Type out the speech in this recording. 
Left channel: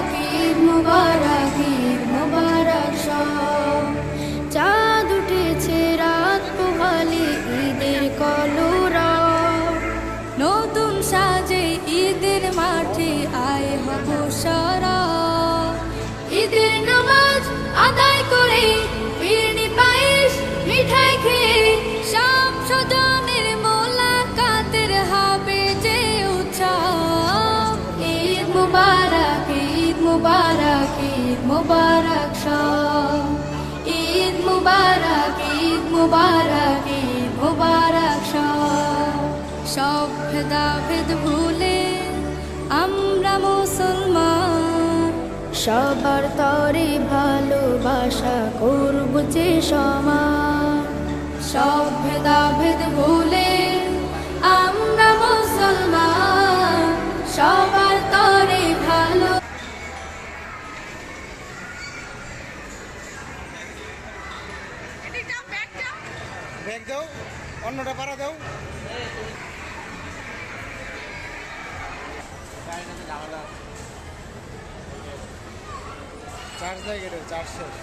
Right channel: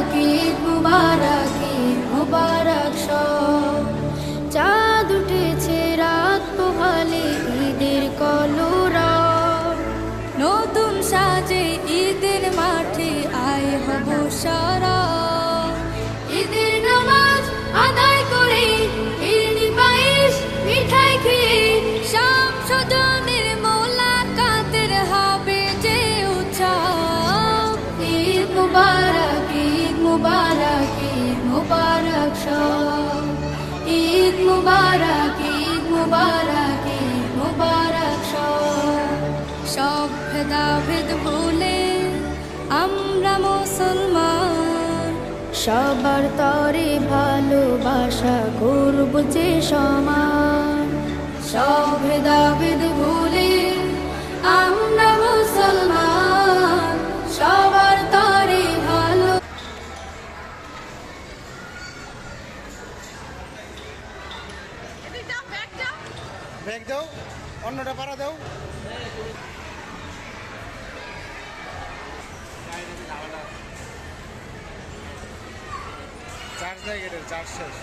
মুবারক ঈদ মুবারক ঈদ মুবারক সব। চাঁদ উঠেছে রাত পোহালে ঈদের কলরা, নতুন সাজে ঈদের মাঠে আয় হব সারা। ঈদের নামাজ আদায় করে ফিরনি পায়েস মিঠাই খেয়ে শাম স্বজনের মোলাকাতের হবে যে উৎসব। ঈদ মুবারক ঈদ মুবারক ঈদ মুবারক সব। ঈদ মুবারক ঈদ মুবারক ঈদ মুবারক সব। সব ভেদাভেদ ভুলে আমরা মুসলমান, সবার তরে ভালোবাসা করব যে সমান। সব ভেদাভেদ ভুলে আমরা মুসলমান, সবার তরে ভালো। ব্যাগ দাও, অন্যটা পাড়া দাও। চার্জ দেয় গেটের চার্জ শেষ।